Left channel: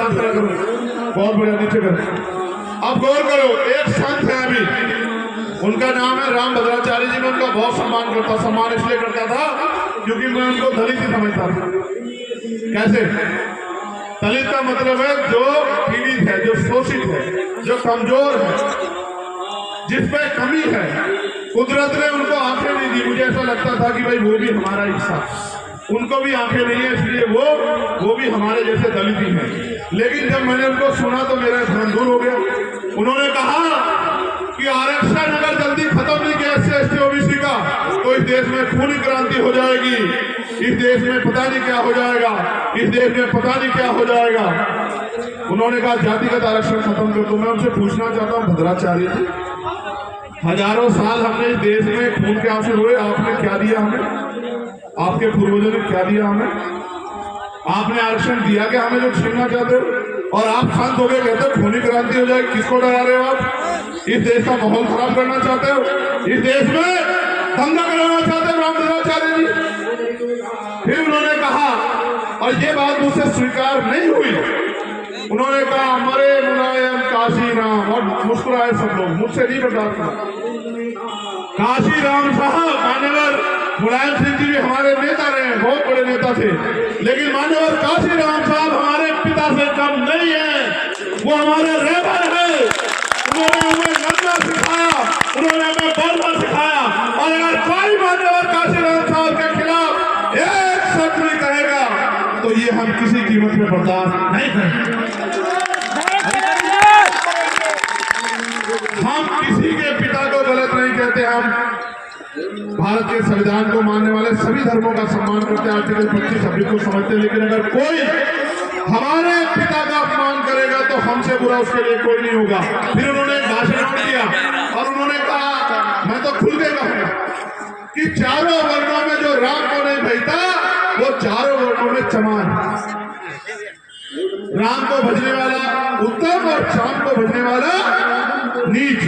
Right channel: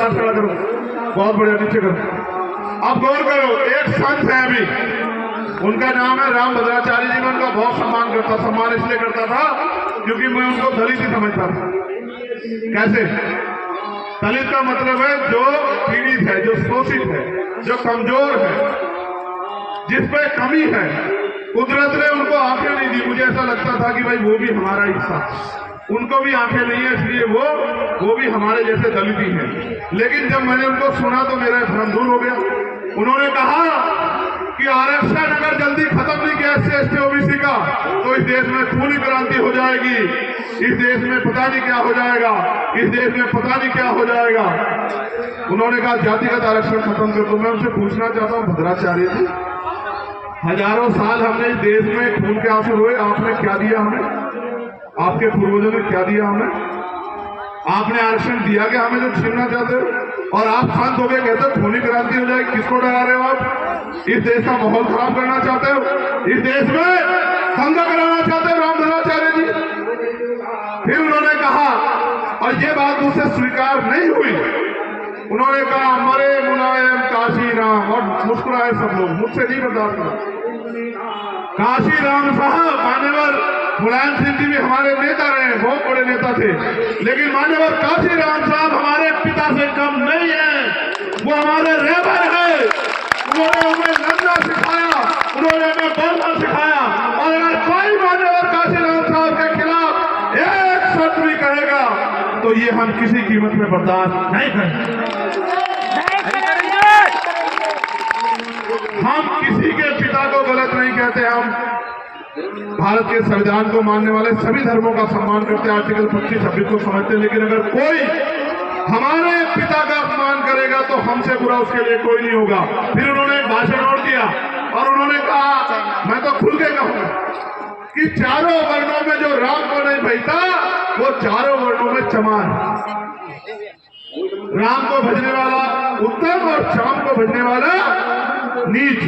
साथ खड़ा करो, बहुत बढ़िया, नीचे करो। अब गौर करो, एक संत है अभी, उनका नाम है राम भद्राचार्य जी। मैं उनका बहुत सम्मान इसलिए करता था क्योंकि मैं उनको दलित ही समझता था। कैसे? दलित का मतलब है जो पीड़ित है, जो शोषित है, जो कमजोर है, जिसपे कमी है। कुदरत ने उनको आंखें नहीं दी। मुझे ऐसा लगता था कि भाई वो भी हमारा हिस्सा, उनको भी आंखें नहीं है, इसलिए वो भी हमारे जैसे दलित ही हैं। लेकिन जब मैंने उनको सुना तो मेरा भ्रम दूर हो गया। उन्होंने कहा कि आरक्षण अगर जल्दी खत्म नहीं किया SC OBC का तो इस देश में खूनी क्रांति हो जाएगी, इस देश में पता नहीं क्या हो जाएगा, इस देश में पता नहीं क्या हो जाएगा। उन्होंने कहा जातिगत आरक्षण खत्म कर दो। मैं उनसे पूछना चाहता हूँ, भद्राचार्य जी, हजारों साल हमने इस देश में खून के आंसू हुए, आपने क्या दिया हमें? आपके पूर्वजों ने क्या दिया हमें? आपने आरक्षण दिया कि हमें जो छीनना चाहते हो? और आप शांत हो गए, कहते हो खूनी क्रांति हो जाएगी। किसको डरा रहे हो आप? इस देश का माहौल खराब करना चाहते हो, इस देश में दंगा कराना चाहते हो राम भद्राचार्य जी। फिर उन्होंने कहा, और ये बात मुझसे स्वीकार नहीं हुई, उन्होंने कहा मरे मुलायम काशी राम, और मुस्कुराए सब लोग, मुझसे नहीं बर्दाश्त हुआ। काशी राम साहब, मान्यवर मुलायम सिंह जी भी हमारे नेता रहे, बहुत बड़े नेता थे, लेकिन मान्यवर काशी राम साहब हमारे पिता से कम नहीं है। वो हमारे रहबर है, उन्होंने हमें लड़ना सिखाया, उन्होंने हमें बढ़ना सिखाया। और अगर कोई मान्यवर काशी राम साहब के खिलाफ एक शब्द भी कहेगा तो ये हम किसी कीमत में बर्दाश्त नहीं करेंगे। हम किसी के पिता को गलत नहीं कहते, हम भारत के संविधान को मानने वाले सभी धर्मों का सम्मान करते हैं, आर्टिकल 25 सभी को समझते हैं। लेकिन अगर कोई हमारे पिता का अपमान करेगा तो हमसे बुरा उसके लिए कोई नहीं होगा। फिर उन्होंने एक भाषण और दिया और उन्होंने कहा, मैं तो खुल के कहूँ कि चारों वर्णों में जो राम को नहीं भजता वो चारों वर्णों में चमार। राम को भजने वाला उत्तम और शाम को भजने वाला नीच।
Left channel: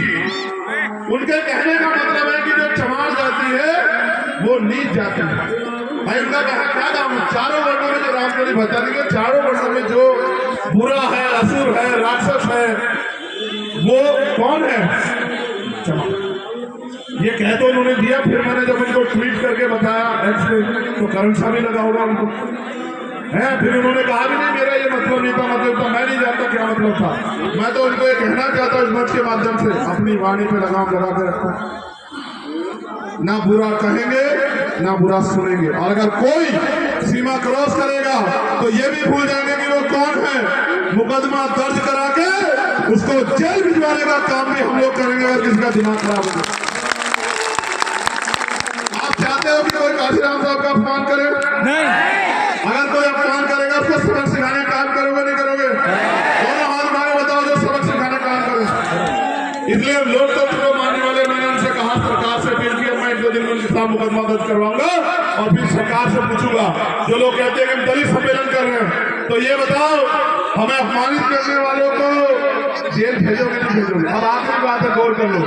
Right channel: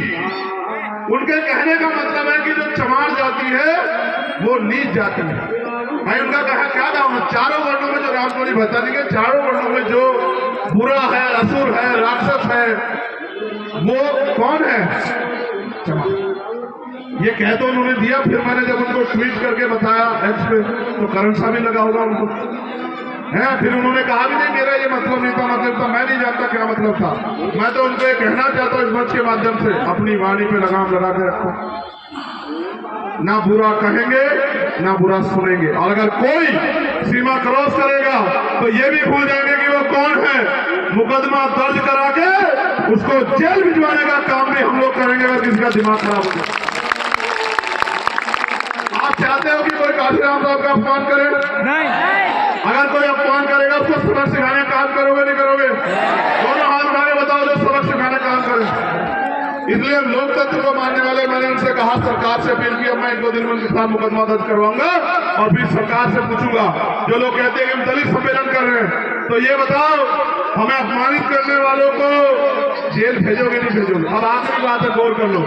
उनके कहने का मतलब है कि जो चमार जाती है वो नीच जाती है। भाई उनका कहा क्या नाम? चारों वर्णों में जो राम को नहीं भजता, देखिए चारों वर्णों में जो बुरा है, असुर है, राक्षस है, वो कौन है? चमार। ये कह तो उन्होंने दिया। फिर मैंने जब उनको ट्वीट करके बताया एक्स पे तो करंट सा भी लगा होगा उनको है। फिर उन्होंने कहा भी नहीं मेरा ये मतलब नहीं था, मतलब था, मैं नहीं जानता क्या मतलब था। मैं तो उनको ये कहना चाहता हूँ इस मंच के माध्यम से, अपनी वाणी पे लगाम लगा के रखो, ना बुरा कहेंगे ना बुरा सुनेंगे। और अगर कोई सीमा क्रॉस करेगा तो ये भी भूल जाएंगे कि वो कौन है। मुकदमा दर्ज करा के उसको जेल भिजवाने का काम भी हम लोग करेंगे अगर किसी का दिमाग खराब होगा। आप चाहते हो कि कोई काशी राम साहब का अपमान करे? नहीं। अगर कोई अपमान करेगा उसको सबक सिखाने का काम करोगे नहीं करोगे? दोनों हाथ उठा के बताओ जो सबक सिखाने का काम करे। इसलिए लोकतंत्र को मानने वाले, मैंने उनसे कहा, सरकार से अपील की, मैं 2 दिन में उनके साथ मुकदमा दर्ज करवाऊंगा और फिर सरकार से पूछूंगा। जो लोग कहते हैं कि हम दलित सम्मेलन कर रहे हैं, तो ये बताओ हमें अपमानित करने वालों को जेल भेजोगे नहीं भेजोगे? अब आखिरी बात है, गौर कर लो।